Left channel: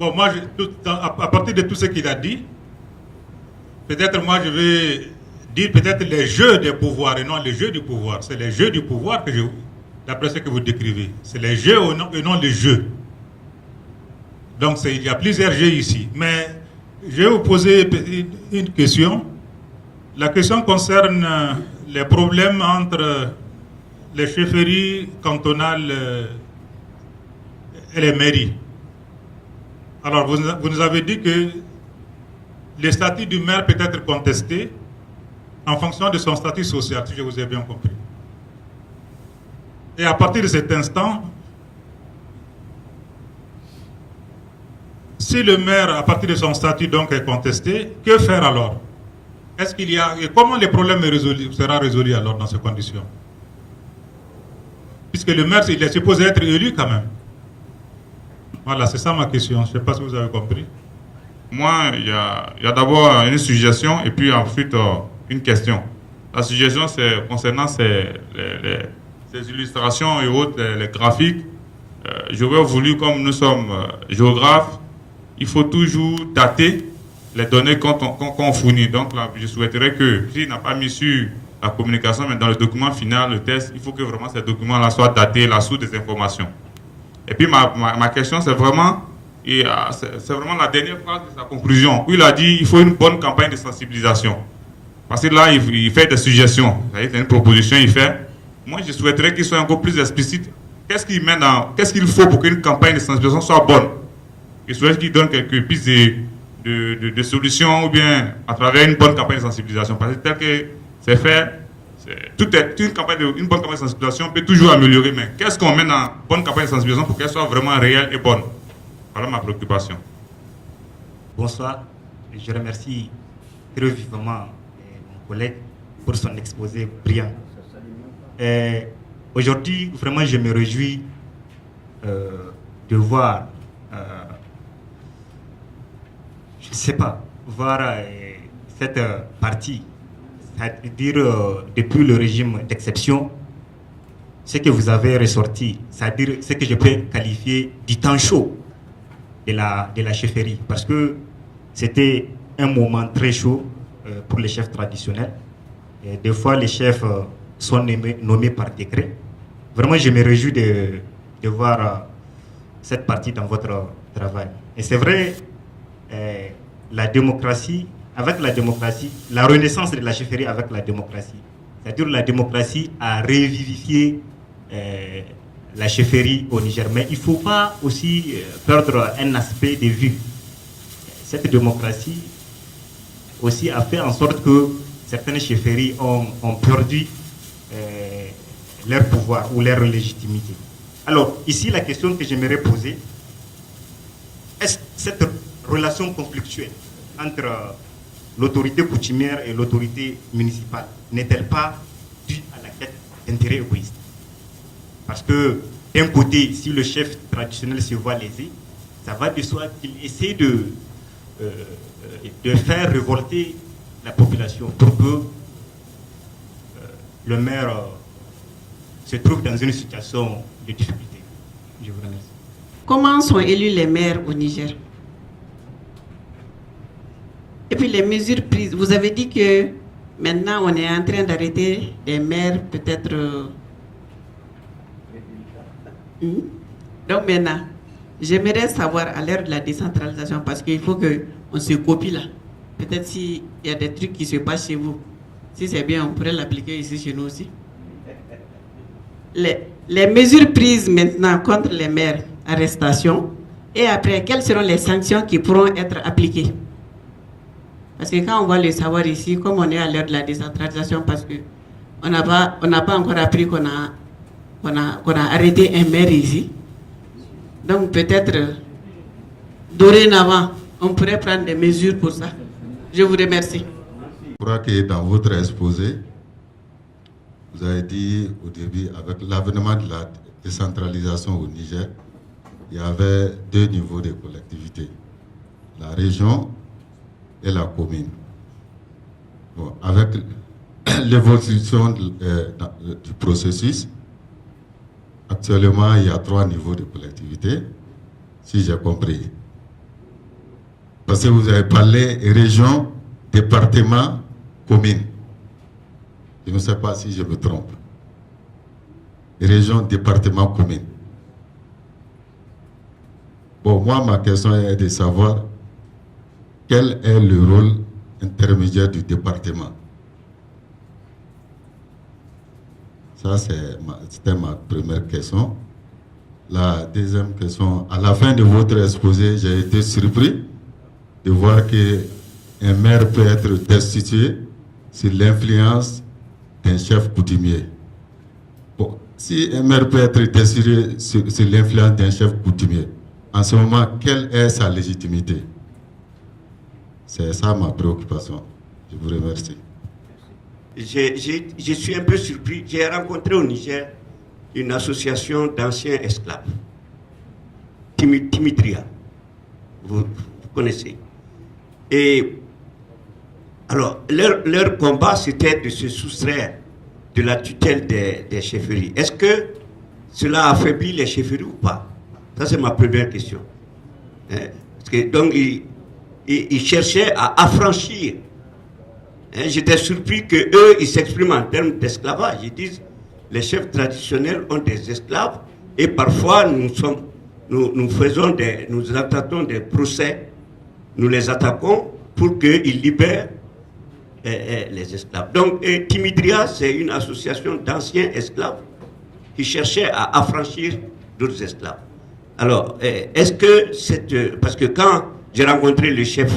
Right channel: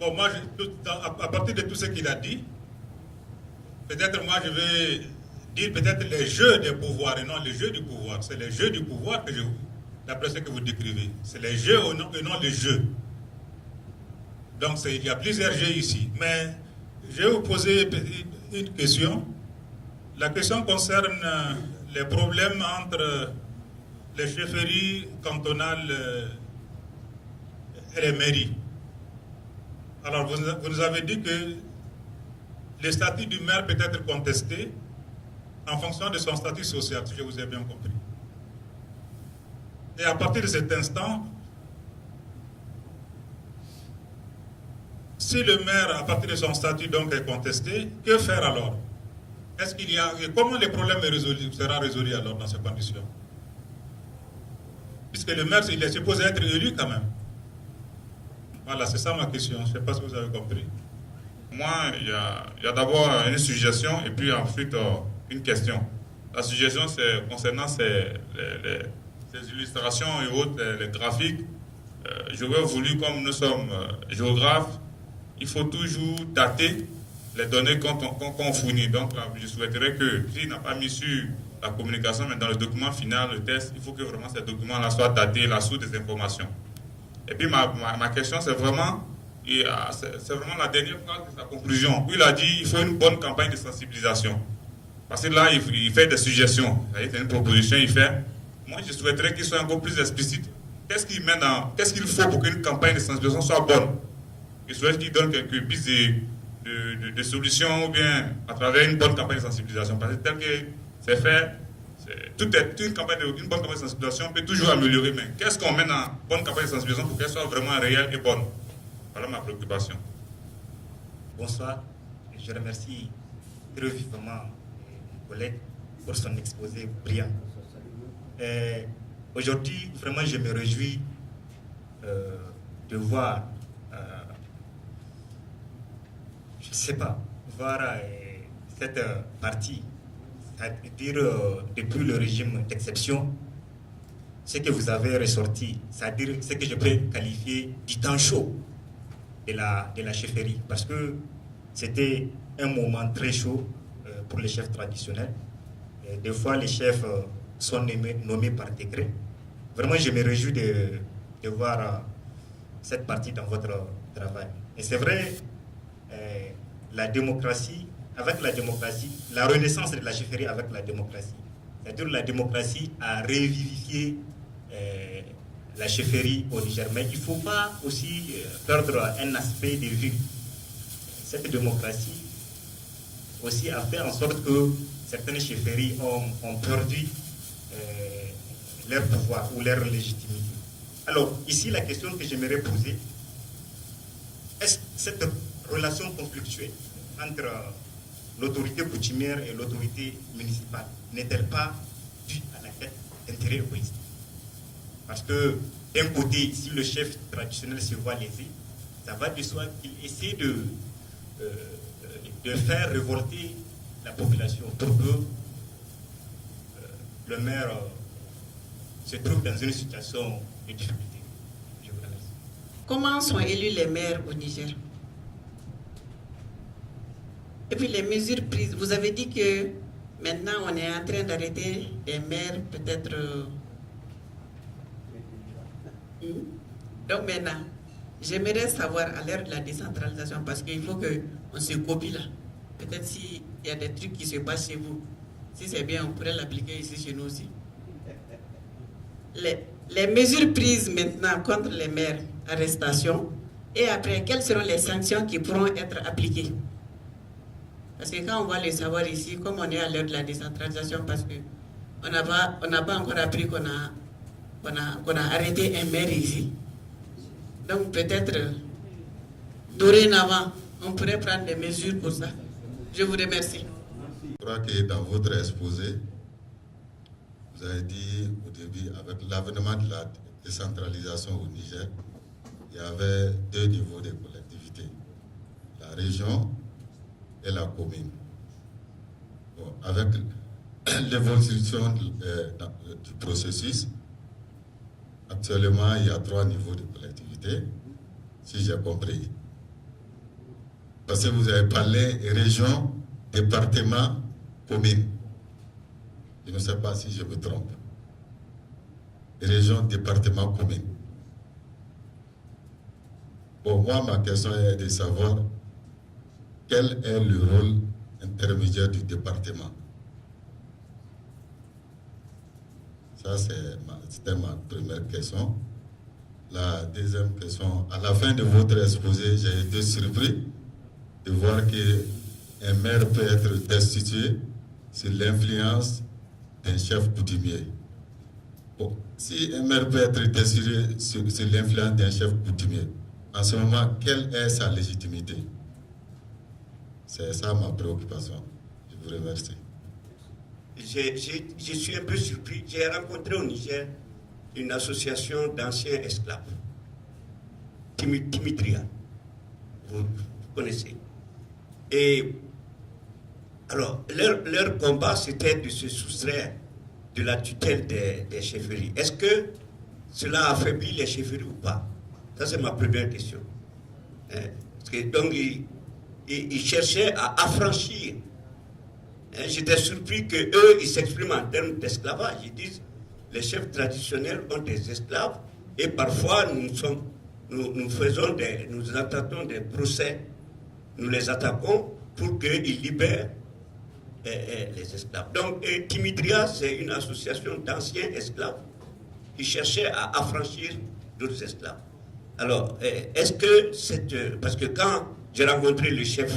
Bon, moi, à partir de tout ce qu'il a dit, peut-être moi je vais dire peut-être les jeux des pouvoirs et non les jeux du pouvoir. C'est les jeux du pouvoir que d'après ce que vous décrivez. C'est les jeux et non les jeux. Donc il y a plusieurs jeux ici. Mais je vais vous poser une question. La question concerne les problèmes entre les chefferies cantonales et les mairies. Alors, vous nous avez dit que le statut du maire peut être contesté en fonction de son statut social, si je vous ai bien compris. Et à partir de cet instant, si le maire, à partir de son statut donc est contesté, que faire alors? Est-ce qu'il y a, et comment le problème sera résolu alors dans ces conditions? Puisque le maire, il est supposé être élu quand même. Voilà, c'est ça ma question. Je ne sais pas si vous avez compris. Moi, il y a d'abord une suggestion et puis ensuite une question. La suggestion, c'est concernant ces illustrations et autres, les graphiques. J'aurais voulu, comme nous sommes géographes, il faut toujours dater les données qu'on fournit. Donc là, je souhaiterais que, s'il n'a pas mis sur la communication, mais dans le document final, le test, il faut que vraiment ces documents-là soient datés, la source des informations. Et puis ma question, c'est vraiment la dernière phrase de sa conclusion, où il a dit qu'il faut une bonne campagne de sensibilisation. Parce que là, il fait des suggestions, c'est une proposition, il fait. Moi, je souhaiterais qu'il soit encore plus explicite. Qu'est-ce qu'il faut pour qu'une campagne de sensibilisation soit bonne? Je souhaite qu'il donne quelques pistes de solutions, ou bien à travers une bonne campagne de sensibilisation. Parce que tel que c'est fait, une bonne campagne de sensibilisation peut toujours améliorer, mais qu'est-ce qu'on met dans une bonne campagne de sensibilisation pour qu'elle soit vraiment réelle et bonne? Voilà ma préoccupation. Bonsoir. Je remercie très vivement mon collègue pour son exposé brillant. Aujourd'hui, vraiment, je me réjouis de voir, je ne sais pas, voir cette partie. C'est-à-dire, depuis le régime d'exception, ce que vous avez ressorti, c'est-à-dire ce que je peux qualifier du temps chaud de la chefferie, parce que c'était un moment très chaud pour les chefs traditionnels. Et des fois, les chefs sont nommés par décret. Vraiment, je me réjouis de voir cette partie dans votre travail. Et c'est vrai, la démocratie, avec la démocratie, la renaissance de la chefferie avec la démocratie, c'est-à-dire la démocratie a revivifié la chefferie au Niger. Mais il ne faut pas aussi perdre un aspect de vue. Cette démocratie aussi a fait en sorte que certaines chefferies ont perdu leur pouvoir ou leur légitimité. Alors, ici, la question que j'aimerais poser, est-ce que cette relation conflictuelle entre l'autorité coutumière et l'autorité municipale n'est-elle pas due à la quête d'intérêt égoïste? Parce que, d'un côté, si le chef traditionnel se voit lésé, ça va de soi qu'il essaie de faire révolter la population pour que le maire se trouve dans une situation de difficulté. Je vous remercie. Comment sont élus les maires au Niger? Et puis les mesures prises. Vous avez dit que maintenant on est en train d'arrêter des maires peut-être... Donc maintenant, j'aimerais savoir à l'heure de la décentralisation, parce qu'il faut qu'on se copie là. Peut-être s'il y a des trucs qui se passent chez vous, si c'est bien, on pourrait l'appliquer ici chez nous aussi. Les mesures prises maintenant contre les maires, arrestation, et après, quelles seront les sanctions qui pourront être appliquées? Parce que quand on va le savoir ici, comme on est à l'heure de la décentralisation, parce qu'on n'a pas encore appris qu'on a arrêté un maire ici. Donc peut-être, dorénavant, on pourrait prendre des mesures pour ça. Je vous remercie. Je crois que dans votre exposé, vous avez dit au début, avec l'avènement de la décentralisation au Niger, il y avait deux niveaux de collectivité, la région et la commune. Bon, avec l'évolution du processus, actuellement, il y a 3 niveaux de collectivité, si j'ai compris. parce que vous avez parlé région, département, commune. Je ne sais pas si je me trompe. Région, département, commune. Bon, moi, ma question est de savoir quel est le rôle intermédiaire du département. Ça, c'était ma première question. La deuxième question, à la fin de votre exposé, j'ai été surpris de voir qu'un maire peut être destitué sur l'influence d'un chef coutumier. Bon, si un maire peut être destitué sur l'influence d'un chef coutumier, en ce moment, quelle est sa légitimité? C'est ça ma préoccupation. Je vous remercie. Je suis un peu surpris. J'ai rencontré au Niger une association d'anciens esclaves, Timidria. Vous connaissez. Et alors, leur combat, c'était de se soustraire de la tutelle des chefferies. Est-ce que cela affaiblit les chefferies ou pas? Ça, c'est ma première question. Parce que, donc, ils cherchaient à affranchir. J'étais surpris qu'eux, ils s'expriment en termes d'esclavage. Ils disent les chefs traditionnels ont des esclaves et parfois nous attendons des procès, nous les attaquons pour qu'ils libèrent les esclaves. Donc, Timidria, c'est une association d'anciens esclaves qui cherchait à affranchir d'autres esclaves. Alors, est-ce que parce que quand j'ai rencontré le chef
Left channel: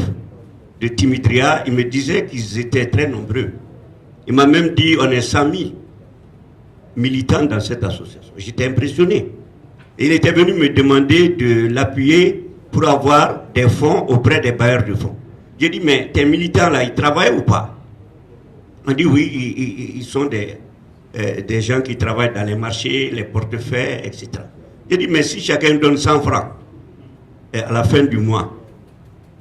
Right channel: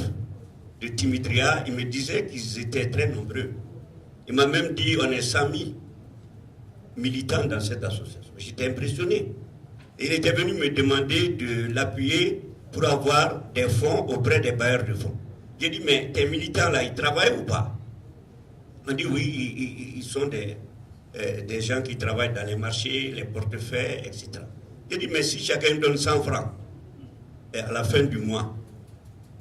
de Timidria, il me disait qu'ils étaient très nombreux. Il m'a même dit on est 100 000 militants dans cette association. J'étais impressionné. Et il était venu me demander de l'appuyer pour avoir des fonds auprès des bailleurs de fonds. J'ai dit mais tes militants là, ils travaillent ou pas? On dit oui, ils sont des gens qui travaillent dans les marchés, les portefeuilles, etc. J'ai dit mais si chacun donne 100 francs à la fin du mois,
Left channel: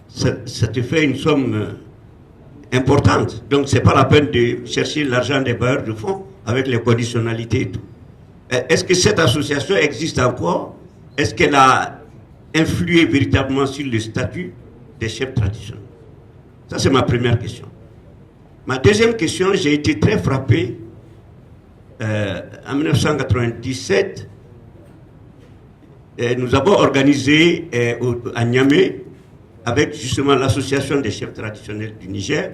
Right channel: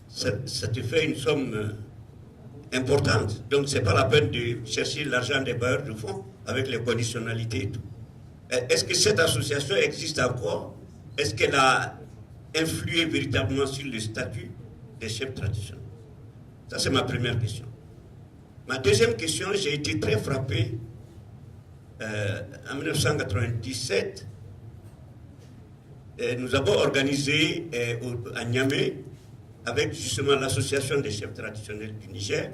ça te fait une somme importante. Donc, ce n'est pas la peine de chercher l'argent des bailleurs de fonds avec les conditionnalités et tout. Est-ce que cette association existe encore? Est-ce qu'elle a influé véritablement sur le statut des chefs traditionnels? Ça, c'est ma première question. Ma deuxième question, j'ai été très frappé. En 1997, nous avons organisé à Niamey, avec justement l'association des chefs traditionnels du Niger,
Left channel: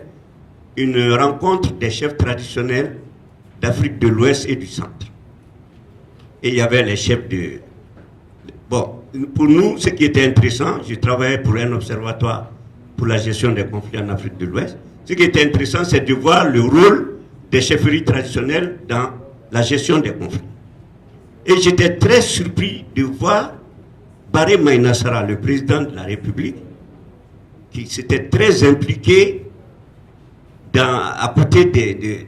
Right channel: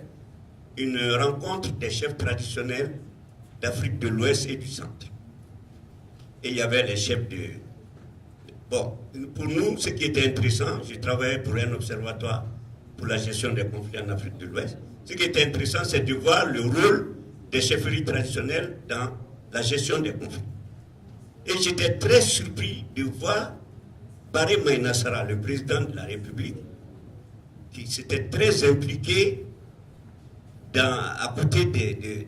une rencontre des chefs traditionnels d'Afrique de l'Ouest et du Centre. Et il y avait les chefs de... Bon, pour nous, ce qui était intéressant, je travaillais pour un observatoire pour la gestion des conflits en Afrique de l'Ouest. Ce qui était intéressant, c'est de voir le rôle des chefferies traditionnelles dans la gestion des conflits. Et j'étais très surpris de voir Baré Maïnassara, le président de la République, qui s'était très impliqué à côté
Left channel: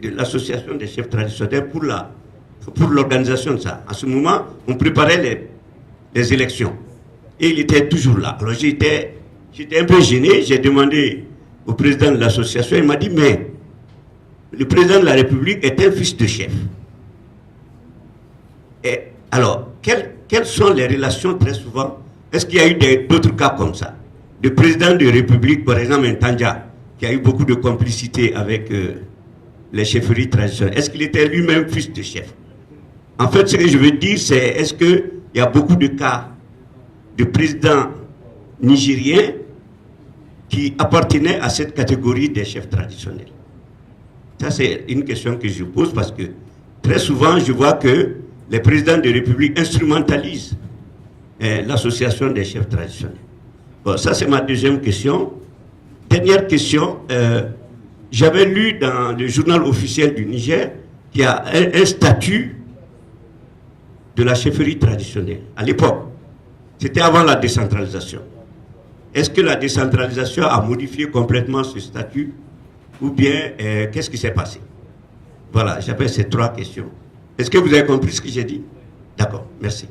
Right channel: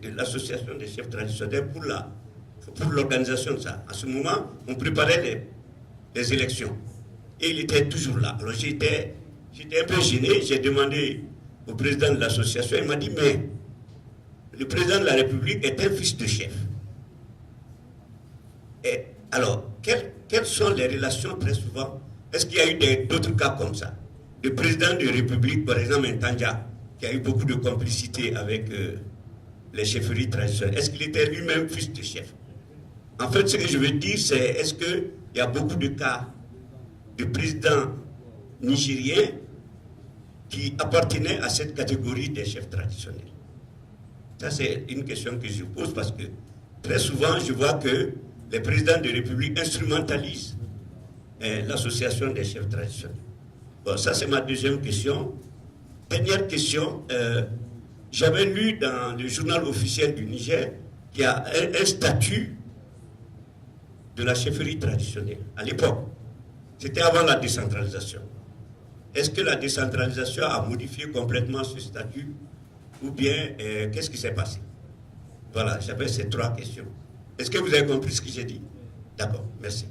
de l'association des chefs traditionnels pour l'organisation de ça. En ce moment, on préparait les élections. Et il était toujours là. Alors j'étais un peu gêné. J'ai demandé au président de l'association. Il m'a dit, mais le président de la République est un fils de chef. Et alors, quelles sont les relations très souvent? Est-ce qu'il y a eu d'autres cas comme ça? Le président de la République, par exemple, Ntandja, qui a eu beaucoup de complicité avec les chefferies traditionnelles, est-ce qu'il était lui-même fils de chef? En fait, ce que je veux dire, c'est est-ce qu'il y a beaucoup de cas de présidents nigériens qui appartenaient à cette catégorie des chefs traditionnels? Ça, c'est une question que je pose parce que très souvent, je vois que les présidents de la République instrumentalisent l'association des chefs traditionnels. Bon, ça, c'est ma deuxième question. Dernière question. J'avais lu dans le journal officiel du Niger qu'il y a un statut de la chefferie traditionnelle. À l'époque, c'était avant la décentralisation. Est-ce que la décentralisation a modifié complètement ce statut ou bien qu'est-ce qui s'est passé? Voilà, j'avais ces trois questions. Est-ce que vous avez compris ce que j'ai dit? D'accord, merci.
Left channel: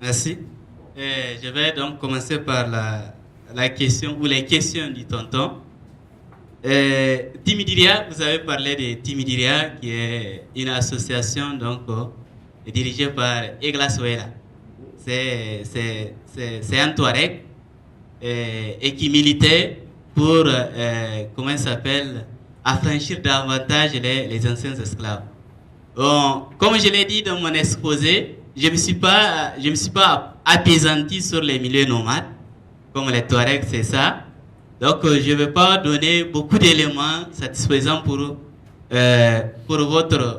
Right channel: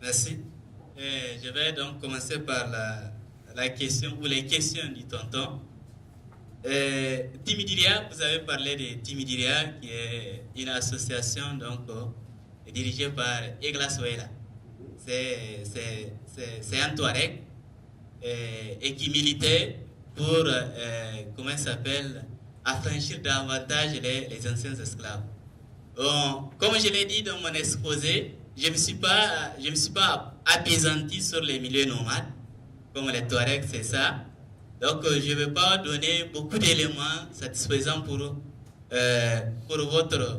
Merci. Je vais donc commencer par la question ou les questions du tonton. Timidria, vous avez parlé de Timidria, qui est une association donc dirigée par Egla Soela. C'est un Touareg et qui militaient pour, comment ça s'appelle, affranchir davantage les anciens esclaves. Bon, comme je l'ai dit dans mon exposé, je ne me suis pas apaisanti sur les milieux nomades, comme les Touaregs, c'est ça. Donc, je ne vais pas donner beaucoup d'éléments satisfaisants pour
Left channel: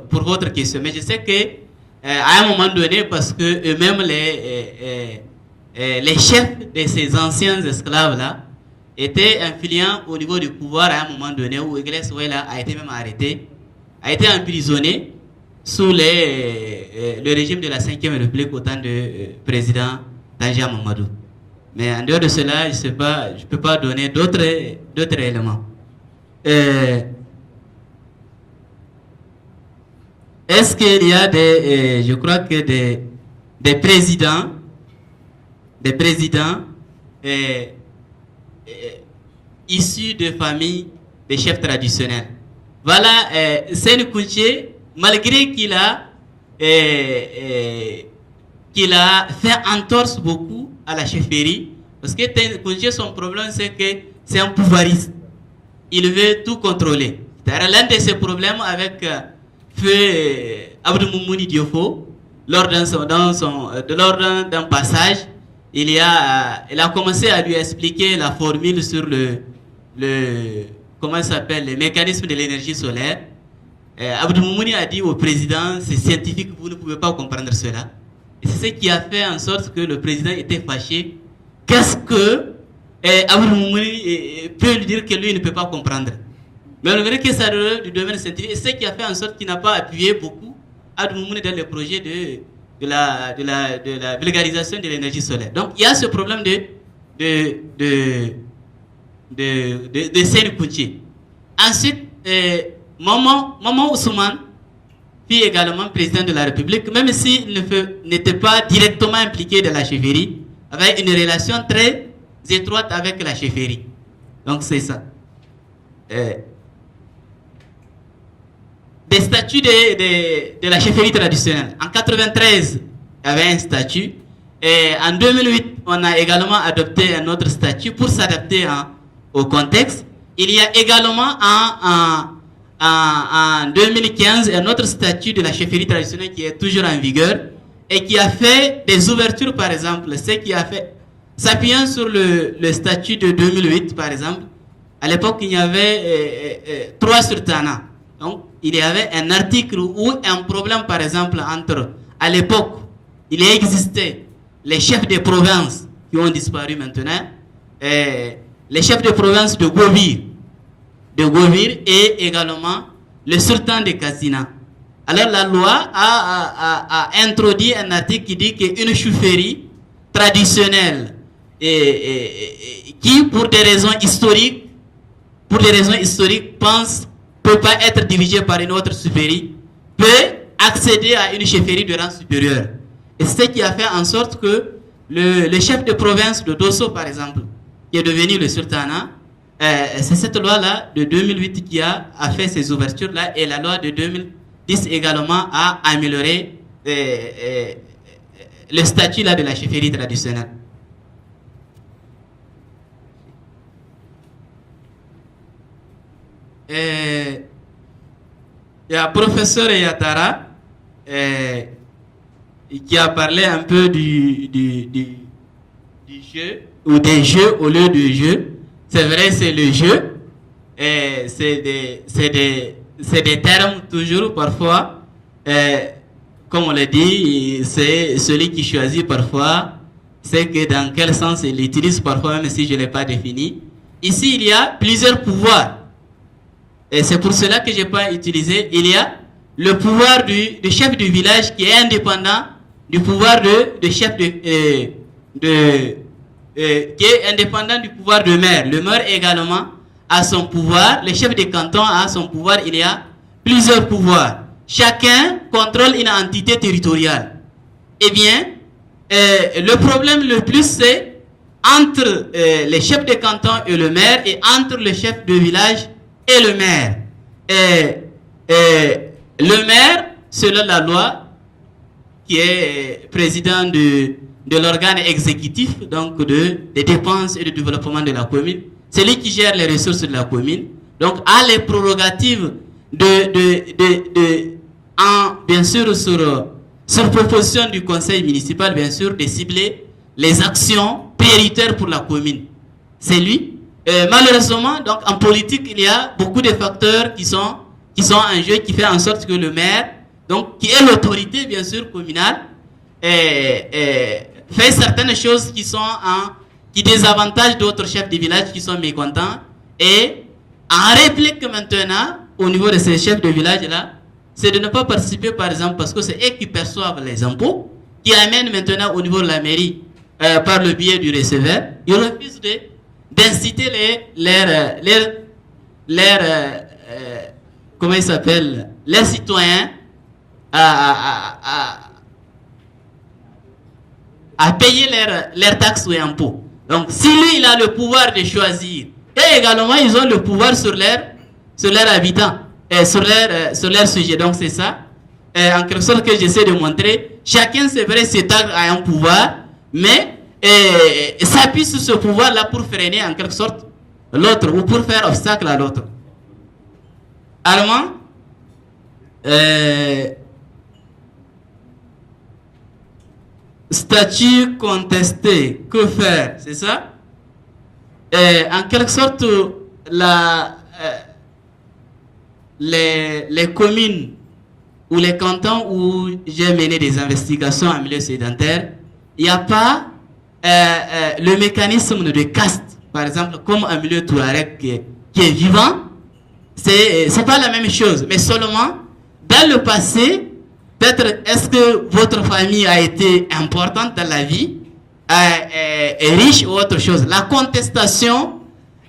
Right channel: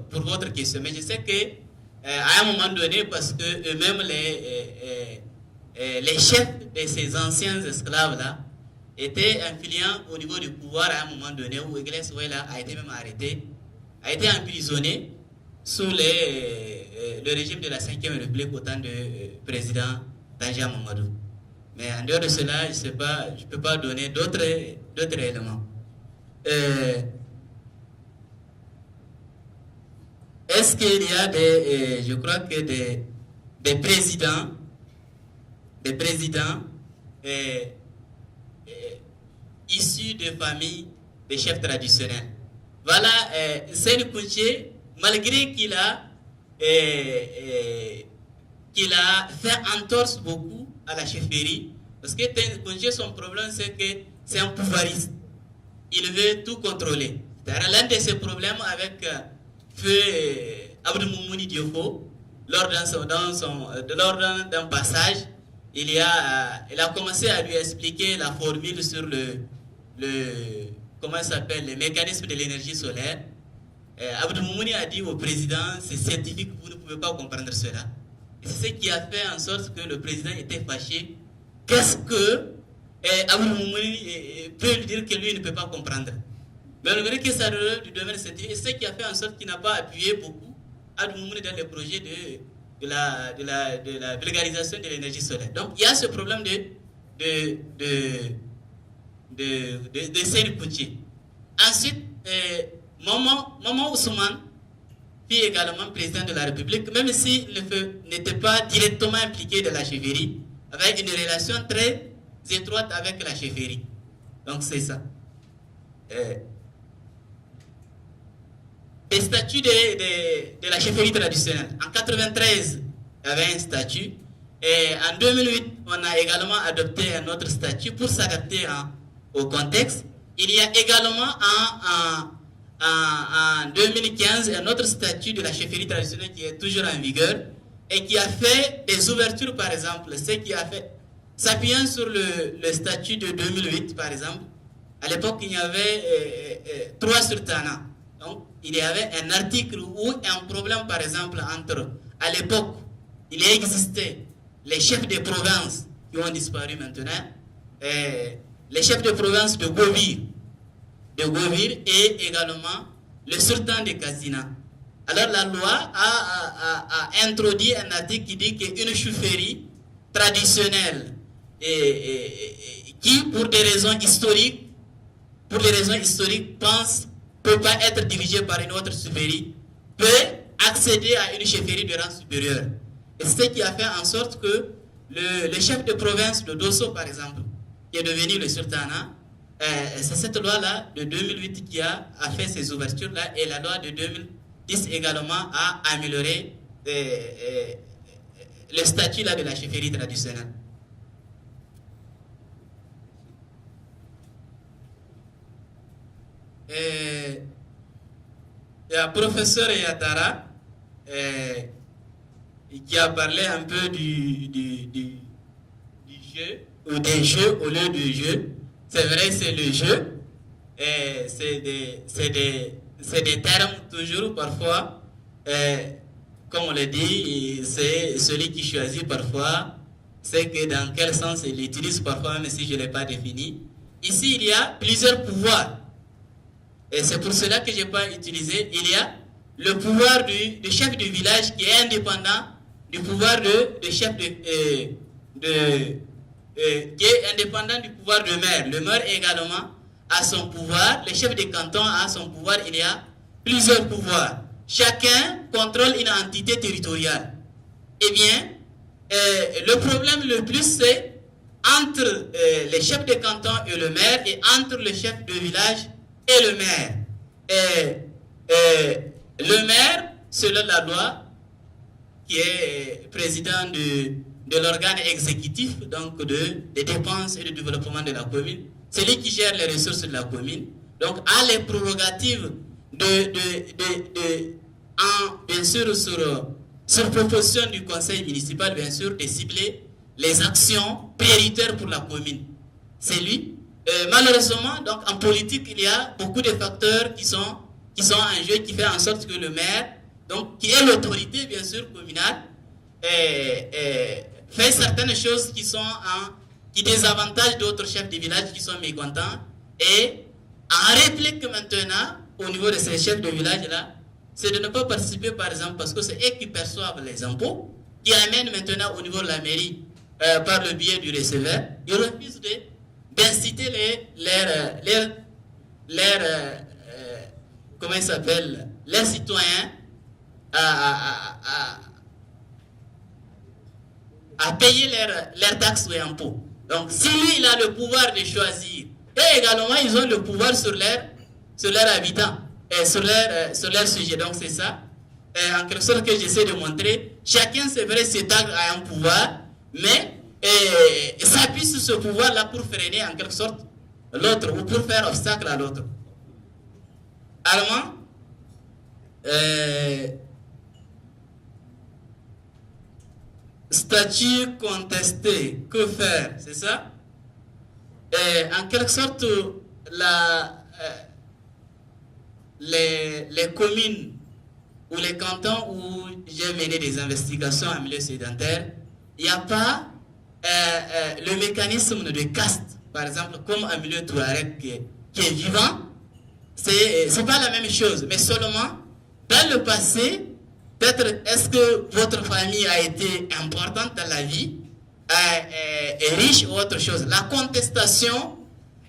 votre question. Mais je sais que à un moment donné, parce que eux-mêmes, les chefs de ces anciens esclaves-là étaient influents au niveau du pouvoir à un moment donné où Iglesias a été même arrêté, a été emprisonné sous le régime de la 5e République au temps de président Tanja Mamadou. Mais en dehors de cela, je ne peux pas donner d'autres éléments. Est-ce qu'il y a je crois que des présidents issus de familles de chefs traditionnels? Voilà, Seyni Kounché, malgré qu'il a fait entorse beaucoup à la chefferie, parce que Kounché, son problème, c'est que c'est un pouvoiriste. Il veut tout contrôler. L'un de ses problèmes avec Feu Abdou Moumouni Diofo, lors d'un passage, il a commencé à lui expliquer la formule sur comment ça s'appelle, le mécanisme de l'énergie solaire. Abdou Moumouni a dit au président, c'est scientifique, vous ne pouvez pas comprendre cela. Et c'est ce qui a fait en sorte que le président était fâché. Qu'est-ce que Abdou Moumouni peut lui dire que lui ne peut pas comprendre? Mais on verrait que ça relève du domaine scientifique. Et c'est ce qui a fait en sorte qu'il n'a pas appuyé beaucoup Abdou Moumouni dans le projet de la vulgarisation de l'énergie solaire. Donc il y a ce problème de Seyni Kounché. Ensuite, Maman Ousmane fut également président de la République, même s'il n'était pas directement impliqué dans la chefferie, avait une relation très étroite avec la chefferie. Donc c'est ça. Des statuts de la chefferie traditionnelle. En 1993, il y avait un statut. Et en 2008, on a également adopté un autre statut pour s'adapter au contexte. Il y a également en 2015 un autre statut de la chefferie traditionnelle qui est toujours en vigueur et qui a fait des ouvertures, par exemple. Ce qui a fait, s'appuyant sur le statut de 2008, par exemple, à l'époque, il y avait 3 sultanats. Donc, il y avait un article ou un problème, par exemple, à l'époque, il existait les chefs de province qui ont disparu maintenant, les chefs de province de Govir et également le sultan de Kassina. Alors, la loi a introduit un article qui dit qu'une chefferie traditionnelle qui, pour des raisons historiques, peut pas être dirigée par une autre chefferie, peut accéder à une chefferie de rang supérieur. Et c'est ce qui a fait en sorte que le chef de province de Dosso, par exemple, qui est devenu le sultanat, c'est cette loi-là de 2008 qui a fait ces ouvertures-là, et la loi de 2010 également a amélioré le statut là de la chefferie traditionnelle. Il y a le professeur Yatara qui a parlé un peu du jeu, ou des jeux au lieu du jeu. C'est vrai, c'est le jeu. C'est des termes toujours parfois, comme on le dit, c'est celui qui choisit parfois, c'est que dans quel sens il l'utilise parfois, même si je ne l'ai pas défini. Ici, il y a plusieurs pouvoirs. Et c'est pour cela que je n'ai pas utilisé. Il y a le pouvoir du chef du village qui est indépendant du pouvoir de chef qui est indépendant du pouvoir de maire. Le maire également a son pouvoir. Le chef de canton a son pouvoir. Il y a plusieurs pouvoirs. Chacun contrôle une entité territoriale. Eh bien, le problème le plus, c'est entre les chefs de canton et le maire, et entre le chef de village et le maire. Le maire, selon la loi, qui est président de l'organe exécutif, donc des dépenses et du développement de la commune. C'est lui qui gère les ressources de la commune. Donc, a les prérogatives bien sûr, sur proposition du conseil municipal, bien sûr, de cibler les actions prioritaires pour la commune. C'est lui. Malheureusement, donc, en politique, il y a beaucoup de facteurs qui sont en jeu, qui fait en sorte que le maire, donc, qui est l'autorité, bien sûr, communale, fait certaines choses qui désavantagent d'autres chefs de village qui sont mécontents. Et en réplique maintenant, au niveau de ces chefs de village-là, c'est de ne pas participer, par exemple, parce que c'est eux qui perçoivent les impôts, qui amènent maintenant au niveau de la mairie, par le biais du receveur, ils refusent d'inciter comment il s'appelle, les citoyens à payer leurs taxes ou impôts. Donc, si lui, il a le pouvoir de choisir, et également, ils ont le pouvoir sur leurs habitants, sur leur sujet. Donc, c'est ça, en quelque sorte, que j'essaie de montrer. Chacun, c'est vrai, s'étendre à un pouvoir, mais s'appuie sur ce pouvoir-là pour freiner, en quelque sorte, l'autre, ou pour faire obstacle à l'autre. Allemand, statut contesté, que faire, c'est ça? En quelque sorte, les communes ou les cantons où j'ai mené des investigations en milieu sédentaire, il n'y a pas le mécanisme de caste, par exemple, comme un milieu touareg qui est vivant. C'est pas la même chose, mais seulement dans le passé, peut-être est-ce que votre famille a été importante dans la vie, est riche ou autre chose. La contestation,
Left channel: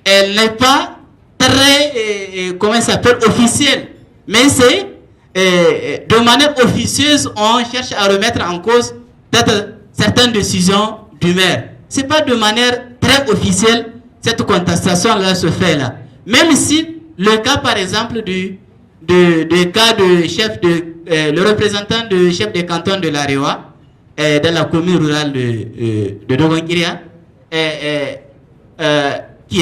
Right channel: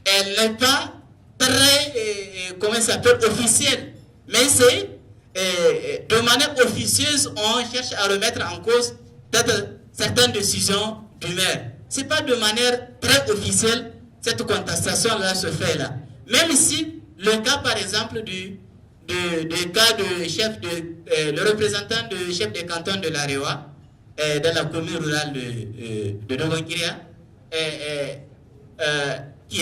elle n'est pas très, comment ça s'appelle, officielle, mais c'est de manière officieuse, on cherche à remettre en cause peut-être certaines décisions du maire. C'est pas de manière très officielle cette contestation-là se fait là. Même si le cas, par exemple, du cas de chef le représentant du chef de canton de l'Arewa, dans la commune rurale de Dogonkiria, qui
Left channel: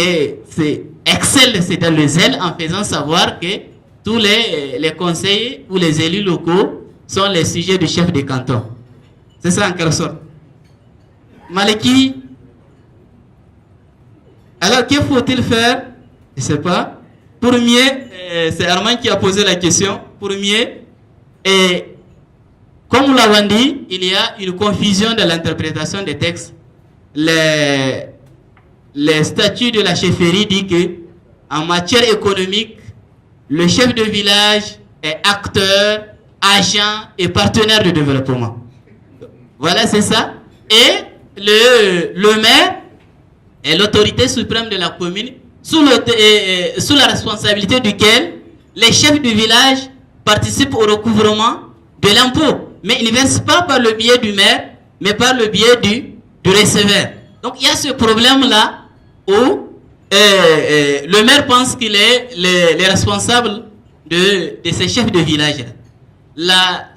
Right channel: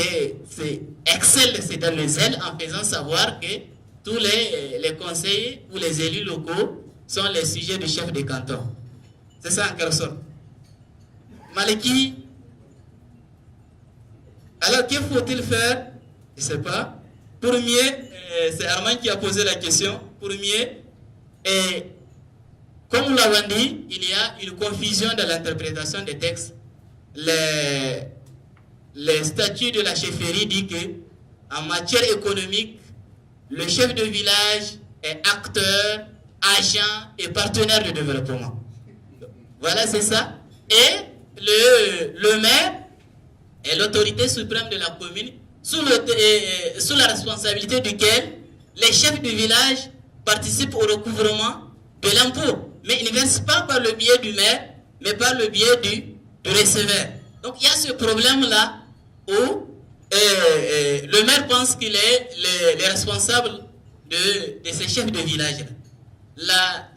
excelle, c'est dans le zèle, en faisant savoir que tous les conseillers ou les élus locaux sont les sujets du chef de canton. C'est ça en quelque sorte. Maliki, alors que faut-il faire? Je ne sais pas. Pour mieux, c'est Armand qui a posé la question, pour mieux, et comme nous l'avons dit, il y a une confusion dans l'interprétation des textes. Les statuts de la chefferie disent que en matière économique, le chef de village est acteur, agent et partenaire de développement. Voilà, c'est ça. Et le maire est l'autorité suprême de la commune, sous la responsabilité duquel les chefs du village participent au recouvrement de l'impôt. Mais ils ne versent pas par le biais du maire, mais par le biais du receveur. Donc il y a ce problème-là où le maire pense qu'il est le responsable de ces chefs de village. La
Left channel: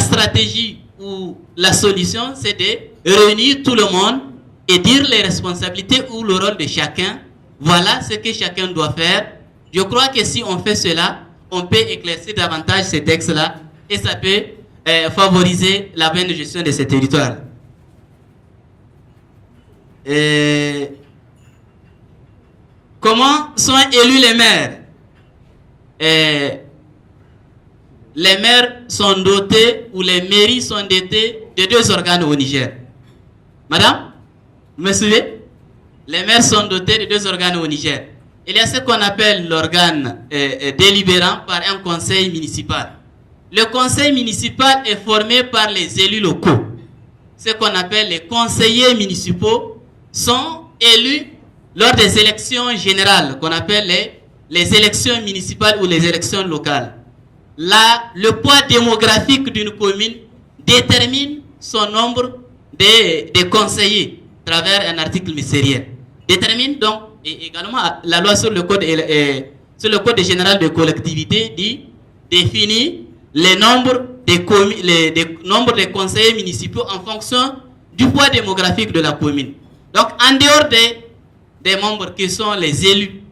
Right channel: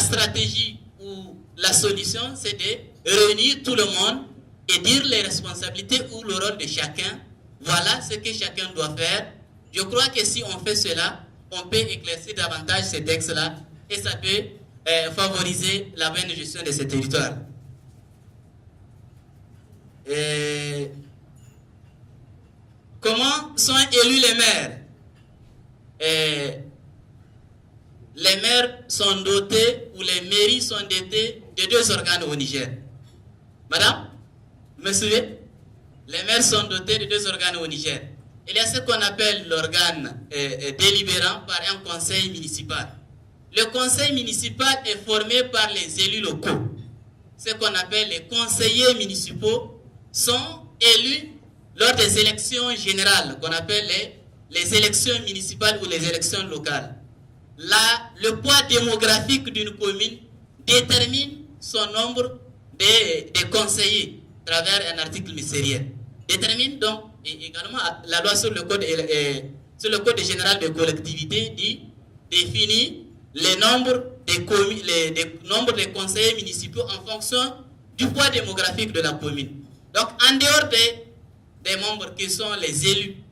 stratégie ou la solution, c'est de réunir tout le monde et dire les responsabilités ou le rôle de chacun. Voilà ce que chacun doit faire. Je crois que si on fait cela, on peut éclaircir davantage ces textes-là et ça peut favoriser la bonne gestion de ces territoires. Comment sont élus les maires? Les maires sont dotés, ou les mairies sont dotées de 2 organes au Niger. Madame, vous me suivez? Les maires sont dotés de 2 organes au Niger. Il y a ce qu'on appelle l'organe délibérant par un conseil municipal. Le conseil municipal est formé par les élus locaux. Ce qu'on appelle les conseillers municipaux sont élus lors des élections générales, qu'on appelle les élections municipales ou les élections locales. Là, le poids démographique d'une commune détermine son nombre de conseillers à travers un article ministériel. Détermine donc, et également la loi sur le code général de collectivité définit les nombres des conseillers municipaux en fonction du poids démographique de la commune. Donc, en dehors des membres qui sont les élus,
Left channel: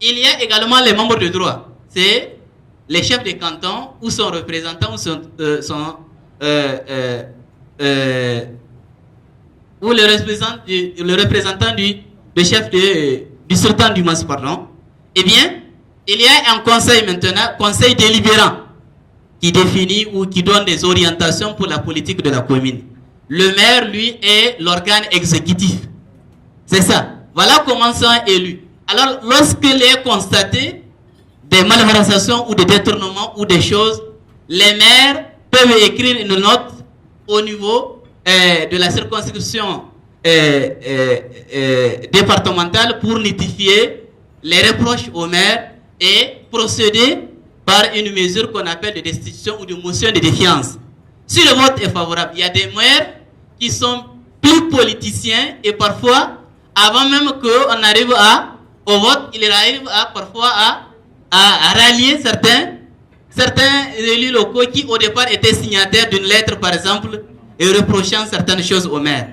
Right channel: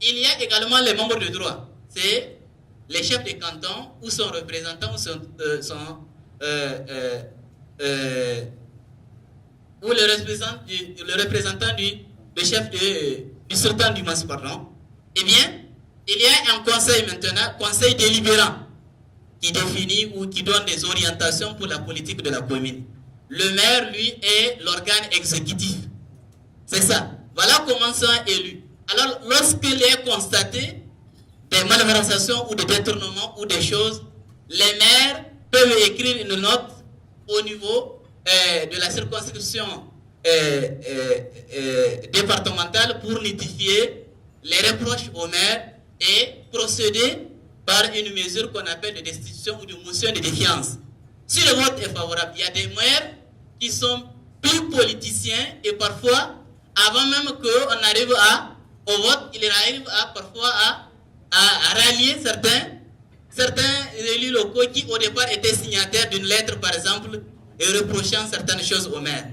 il y a également les membres de droit. C'est les chefs de canton ou son représentant ou le représentant du chef du sultan du Mas, pardon. Eh bien, il y a un conseil maintenant, conseil délibérant, qui définit ou qui donne des orientations pour la politique de la commune. Le maire, lui, est l'organe exécutif. C'est ça. Voilà comment sont élus. Alors, lorsqu'il est constaté des malversations ou des détournements ou des choses, les maires peuvent écrire une note au niveau de la circonscription départementale pour notifier les reproches au maire et procéder par une mesure qu'on appelle de destitution ou de motion de défiance. Si le vote est favorable, il y a des maires qui sont plus politiciens et parfois, avant même qu'on arrive au vote, il arrive parfois à rallier certains élus locaux qui au départ étaient signataires d'une lettre par exemple et reprochant certaines choses au maire.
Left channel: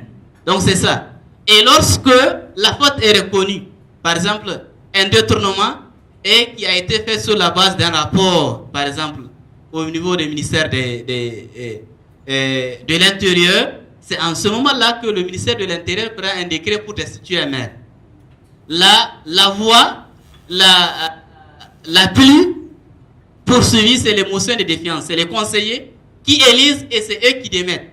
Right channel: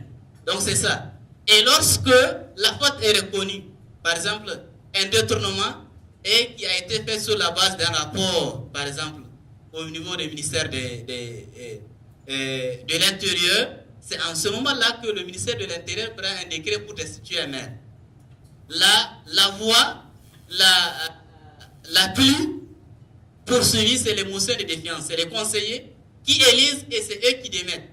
Donc c'est ça. Et lorsque la faute est reconnue, par exemple un détournement et qui a été fait sur la base d'un rapport, par exemple au niveau du ministère de l'Intérieur, c'est en ce moment-là que le ministère de l'Intérieur prend un décret pour destituer un maire. La voie la plus poursuivie, c'est les motions de défiance. C'est les conseillers qui élisent et c'est eux qui démettent.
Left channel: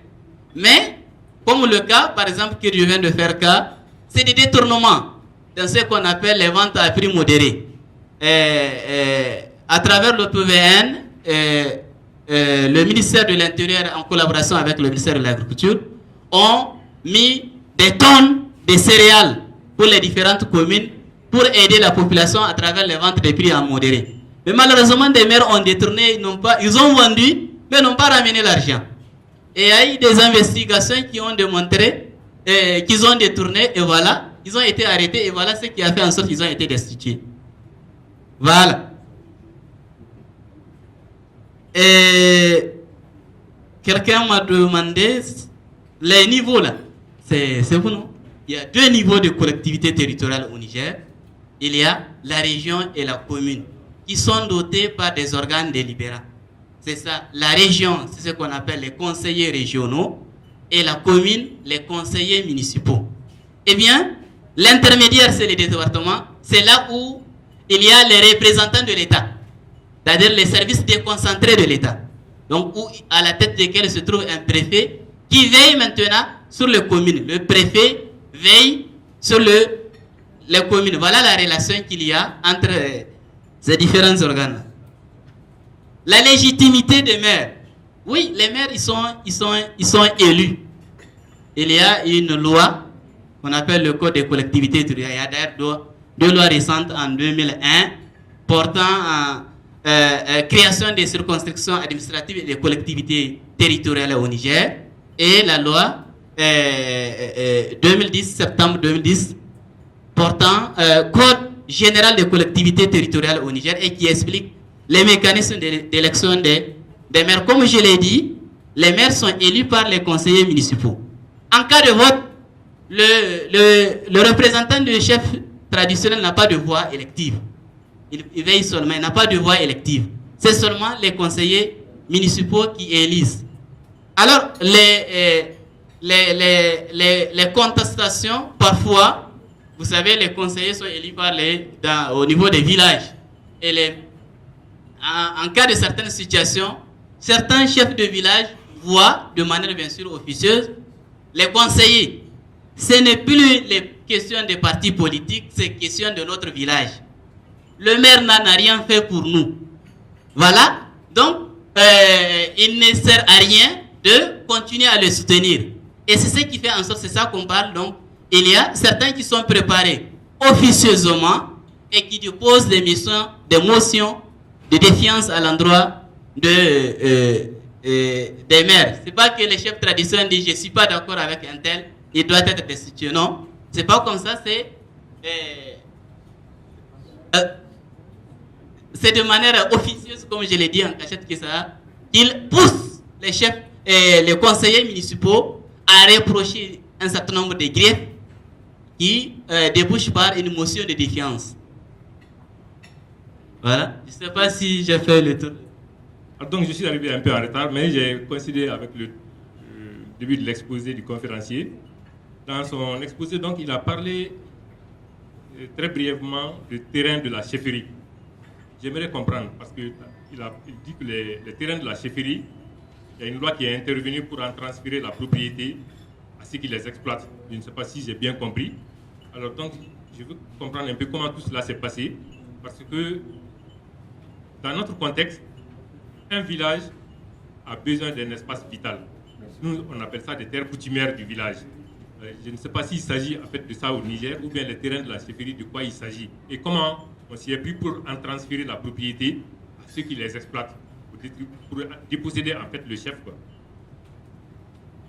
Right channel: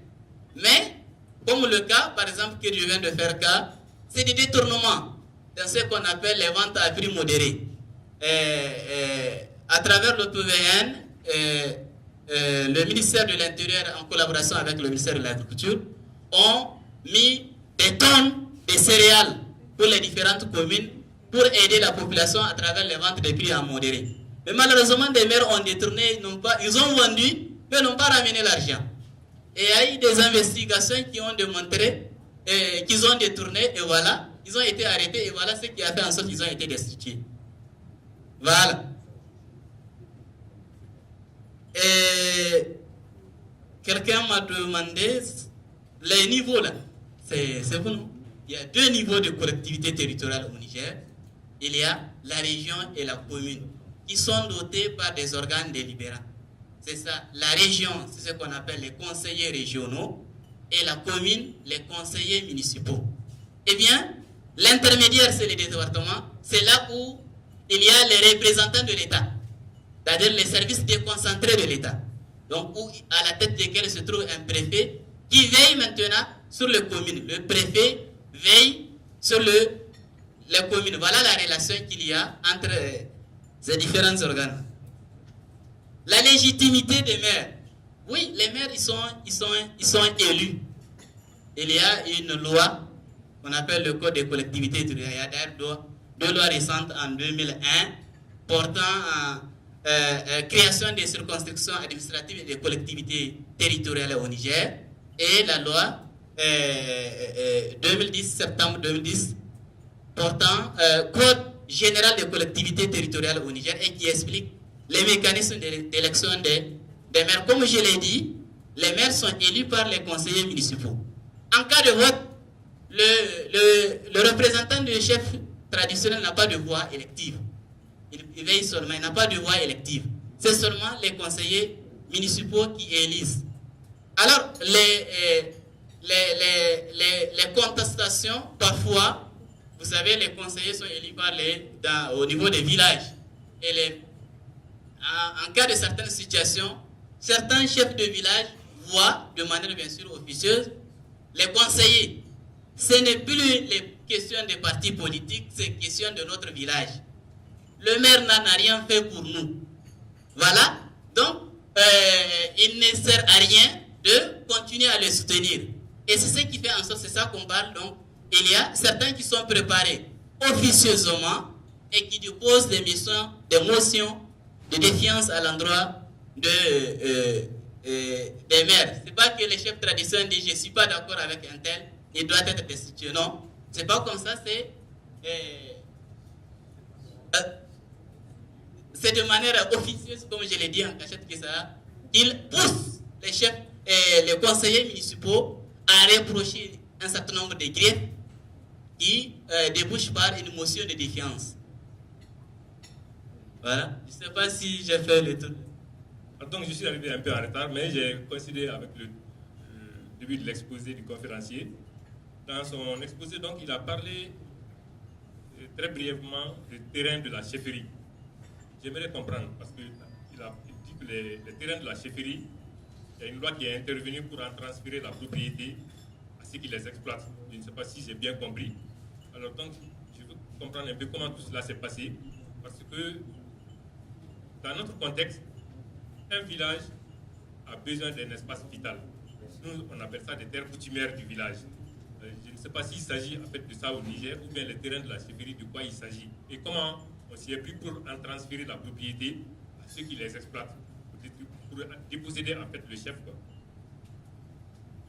Mais, comme le cas, par exemple, que je viens de faire cas, c'est des détournements dans ce qu'on appelle les ventes à prix modéré. À travers le PVN, le ministère de l'Intérieur, en collaboration avec le ministère de l'Agriculture, ont mis des tonnes de céréales pour les différentes communes pour aider la population à travers les ventes des prix en modéré. Mais malheureusement, des maires ont détourné, ils ont vendu, mais n'ont pas ramené l'argent. Et il y a eu des investigations qui ont démontré qu'ils ont détourné, et voilà, ils ont été arrêtés, et voilà ce qui a fait en sorte qu'ils ont été destitués. Voilà. Et quelqu'un m'a demandé les niveaux là. C'est vous, non? Il y a 2 niveaux de collectivité territoriale au Niger. Il y a la région et la commune qui sont dotés par des organes délibérants. C'est ça. La région, c'est ce qu'on appelle les conseillers régionaux et la commune, les conseillers municipaux. Eh bien, l'intermédiaire, c'est les départements. C'est là où il y a les représentants de l'État, c'est-à-dire les services déconcentrés de l'État. Donc, à la tête desquels se trouve un préfet qui veille maintenant sur les communes. Le préfet veille sur les communes. Voilà la relation qu'il y a entre ces différents organes. La légitimité des maires. Oui, les maires, ils sont élus. Il y a une loi qu'on appelle le Code des collectivités territoriales. Il y a d'ailleurs 2 lois récentes en 2001 portant création des circonscriptions administratives et des collectivités territoriales au Niger, et la loi 2010, septembre 2010, portant Code général des collectivités territoriales au Niger et qui explique les mécanismes d'élection des maires. Comme je l'ai dit, les maires sont élus par les conseillers municipaux. En cas de vote, le représentant du chef traditionnel n'a pas de voix élective. Il veille seulement, il n'a pas de voix élective. C'est seulement les conseillers municipaux qui élisent. Alors, les contestations, parfois, vous savez, les conseillers sont élus au niveau des villages. Et en cas de certaines situations, certains chefs de village voient de manière bien sûr officieuse les conseillers. Ce n'est plus les questions des partis politiques, c'est question de notre village. Le maire n'a rien fait pour nous. Voilà. Donc, il ne sert à rien de continuer à le soutenir. Et c'est ce qui fait en sorte, c'est ça qu'on parle. Donc, il y a certains qui sont préparés officieusement et qui déposent des motions de défiance à l'endroit des maires. Ce n'est pas que les chefs traditionnels disent je ne suis pas d'accord avec un tel, il doit être destitué. Non, ce n'est pas comme ça, c'est de manière officieuse, comme je l'ai dit en cachette, qu'ils poussent les chefs et les conseillers municipaux à reprocher un certain nombre de griefs qui débouchent par une motion de défiance. Voilà. Je ne sais pas si j'ai fait le tour. Donc je suis arrivé un peu en retard, mais j'ai coïncidé avec le début de l'exposé du conférencier. Dans son exposé, donc, il a parlé très brièvement du terrain de la chefferie. J'aimerais comprendre, parce qu'il dit que les terrains de la chefferie, il y a une loi qui est intervenue pour en transférer la propriété à ceux qui les exploitent. Je ne sais pas si j'ai bien compris. Alors donc, je veux comprendre un peu comment tout cela s'est passé, parce que dans notre contexte, un village a besoin d'un espace vital. Nous, on appelle ça des terres coutumières du village. Je ne sais pas s'il s'agit en fait de ça au Niger ou bien les terrains de la chefferie, de quoi il s'agit. Et comment on s'y est pris pour en transférer la propriété à ceux qui les exploitent, pour déposséder en fait le chef, quoi.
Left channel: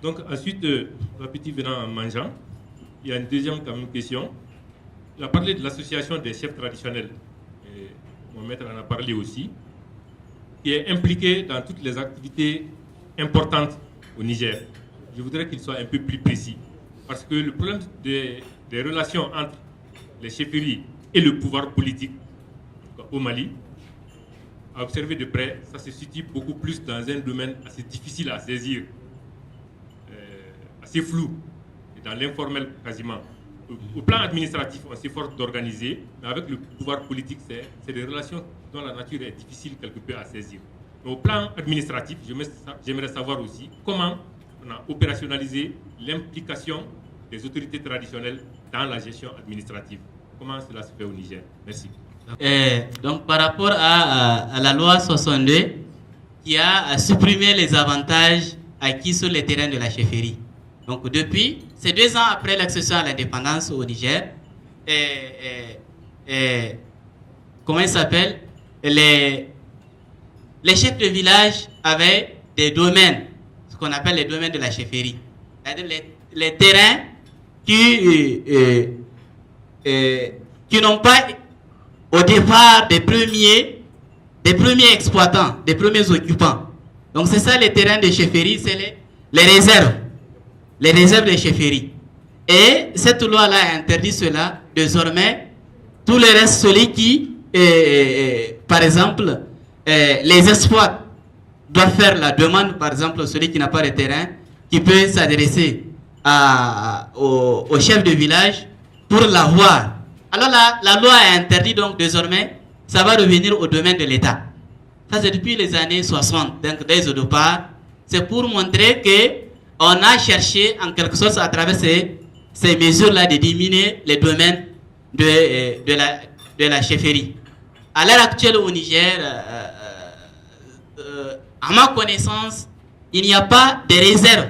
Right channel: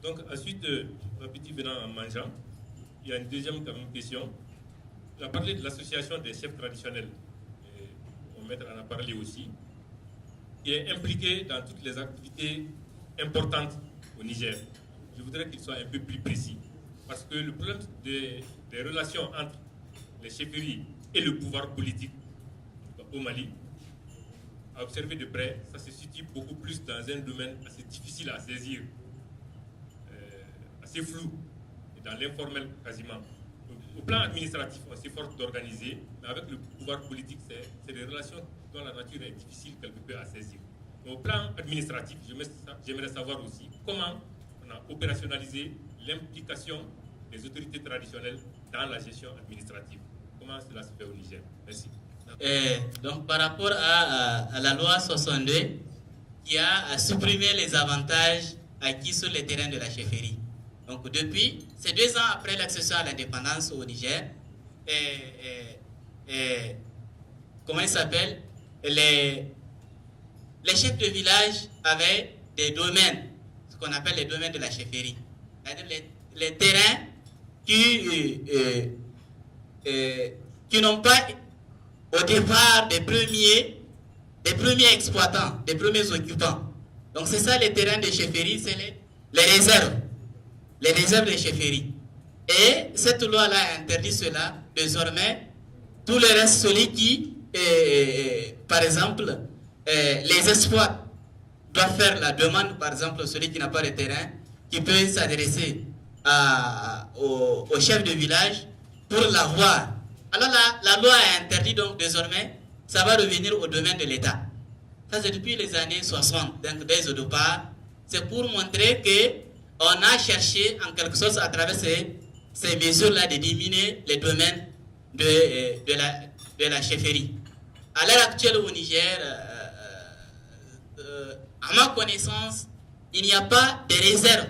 Donc ensuite, l'appétit venant en mangeant, il y a une deuxième quand même question. Il a parlé de l'association des chefs traditionnels. Et mon maître en a parlé aussi, qui est impliqué dans toutes les activités importantes au Niger. Je voudrais qu'il soit un peu plus précis. Parce que le problème des relations entre les chefferies et le pouvoir politique au Mali, à observer de près, ça se situe beaucoup plus dans un domaine assez difficile à saisir, assez flou, et dans l'informel quasiment. Au plan administratif, on s'efforce d'organiser, mais avec le pouvoir politique, c'est des relations dont la nature est difficile quelque peu à saisir. Mais au plan administratif, j'aimerais savoir aussi comment on a opérationnalisé l'implication des autorités traditionnelles dans la gestion administrative. Comment cela se fait au Niger? Merci. Donc, par rapport à la loi 62, qui a supprimé les avantages acquis sur les terrains de la chefferie. Donc, depuis, c'est 2 ans après l'accession à l'indépendance au Niger, comment il s'appelle? Les chefs de village avaient des domaines, ce qu'on appelle les domaines de la chefferie. C'est-à-dire les terrains qui n'ont pas au départ des premiers exploitants, des premiers occupants. Donc c'est ça les terrains de chefferie, c'est les réserves de chefferie. Et cette loi-là a interdit cela. Désormais, tout le reste, celui qui, par exemple, les exploite, doit faire la demande, par exemple, celui qui n'a pas de terrain, qui peut s'adresser au chef de village pour l'avoir. Alors la loi a interdit, donc désormais, ça va revenir au domaine de l'État. Ça, c'est depuis les années 60. Donc, dès au départ, c'est pour montrer qu'on a cherché, en quelque sorte, à travers ces mesures-là, de diminuer les domaines de la chefferie. À l'heure actuelle au Niger, à ma connaissance, il n'y a pas de réserve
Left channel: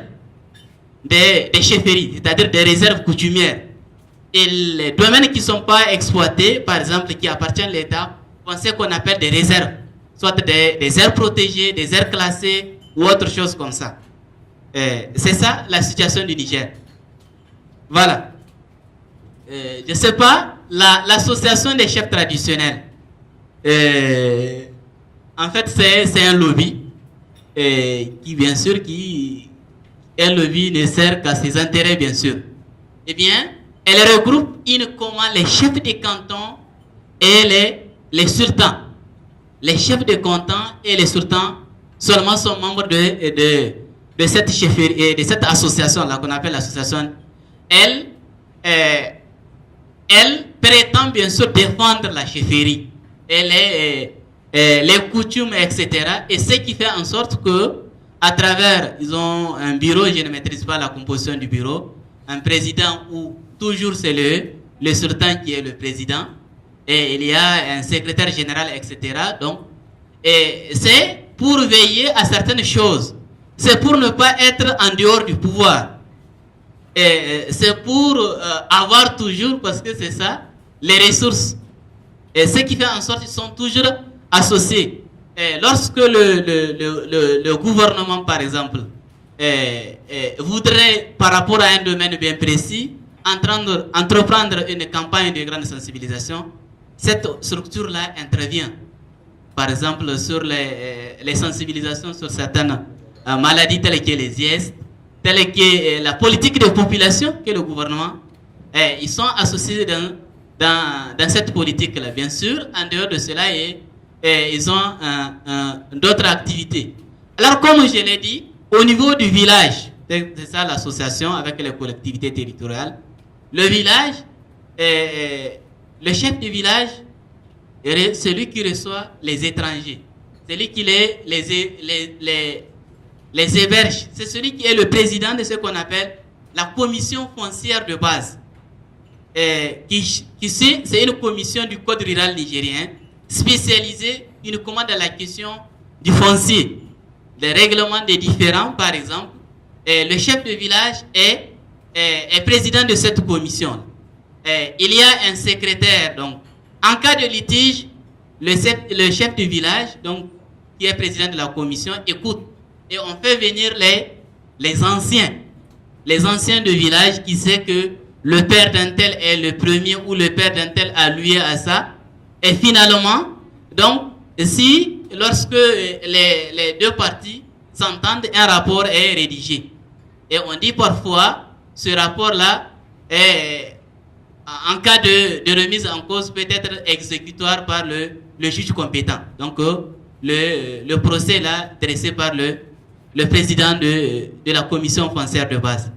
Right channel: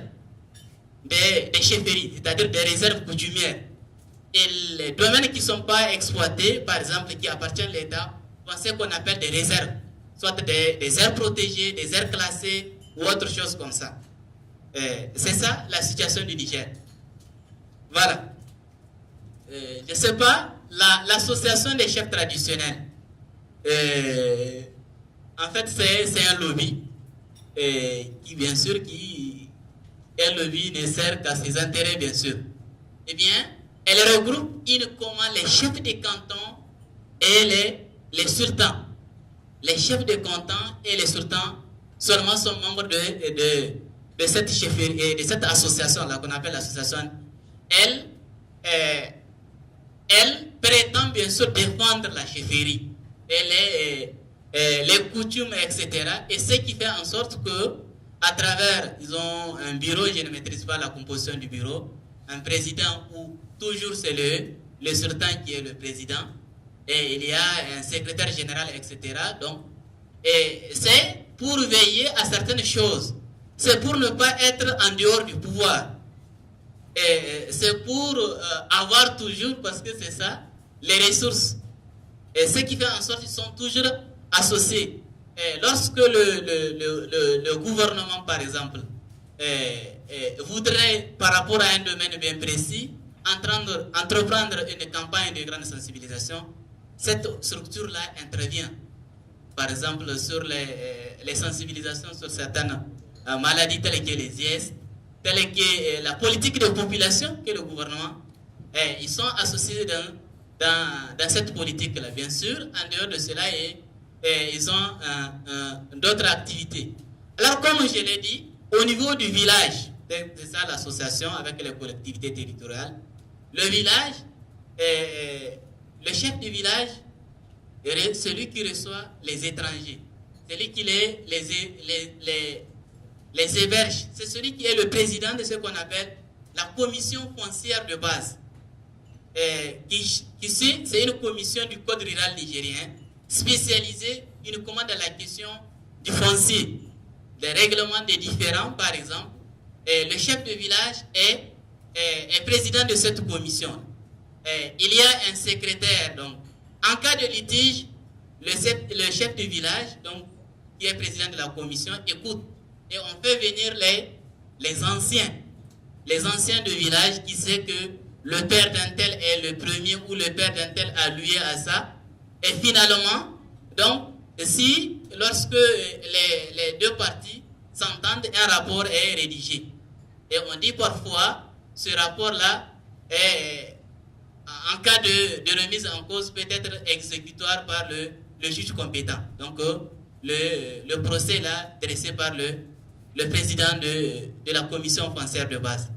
des chefferies, c'est-à-dire des réserves coutumières. Et les domaines qui ne sont pas exploités, par exemple, qui appartiennent à l'État, on sait qu'on appelle des réserves, soit des aires protégées, des aires classées ou autre chose comme ça. C'est ça la situation du Niger. Voilà. Je ne sais pas, l'association des chefs traditionnels, en fait, c'est un lobby qui, bien sûr, un lobby ne sert qu'à ses intérêts, bien sûr. Eh bien, elle regroupe uniquement les chefs de canton et les sultans. Les chefs de canton et les sultans seulement sont membres de cette chefferie, de cette association-là qu'on appelle l'association. Elle prétend bien sûr défendre la chefferie et les coutumes, etc. Et ce qui fait en sorte que, à travers, ils ont un bureau, je ne maîtrise pas la composition du bureau, un président où toujours c'est le sultan qui est le président, et il y a un secrétaire général, etc. Donc, et c'est pour veiller à certaines choses. C'est pour ne pas être en dehors du pouvoir. Et c'est pour avoir toujours, parce que c'est ça, les ressources. Et ce qui fait en sorte qu'ils sont toujours associés. Et lorsque le gouvernement, par exemple, voudrait, par rapport à un domaine bien précis, entreprendre une campagne de grande sensibilisation, cette structure-là intervient. Par exemple, sur les sensibilisations sur certaines maladies telles que les IS, telle que la politique de population que le gouvernement, ils sont associés dans cette politique-là. Bien sûr, en dehors de cela, ils ont d'autres activités. Alors, comme je l'ai dit, au niveau du village, c'est ça l'association avec les collectivités territoriales, le village, le chef du village, est celui qui reçoit les étrangers, celui qui les héberge, c'est celui qui est le président de ce qu'on appelle la commission foncière de base. C'est une commission du Code rural nigérien spécialisée uniquement dans la question du foncier, les règlements des différends par exemple. Le chef de village est président de cette commission. Il y a un secrétaire, donc en cas de litige, le chef du village, donc qui est président de la commission, écoute et on fait venir les anciens de village qui sait que le père d'un tel est le premier ou le père d'un tel a loué à ça. Et finalement, donc, lorsque les deux parties s'entendent, un rapport est rédigé. Et on dit parfois, ce rapport-là, en cas de remise en cause, peut être exécutoire par le juge compétent. Donc, le procès là, dressé par le président de la commission foncière de base.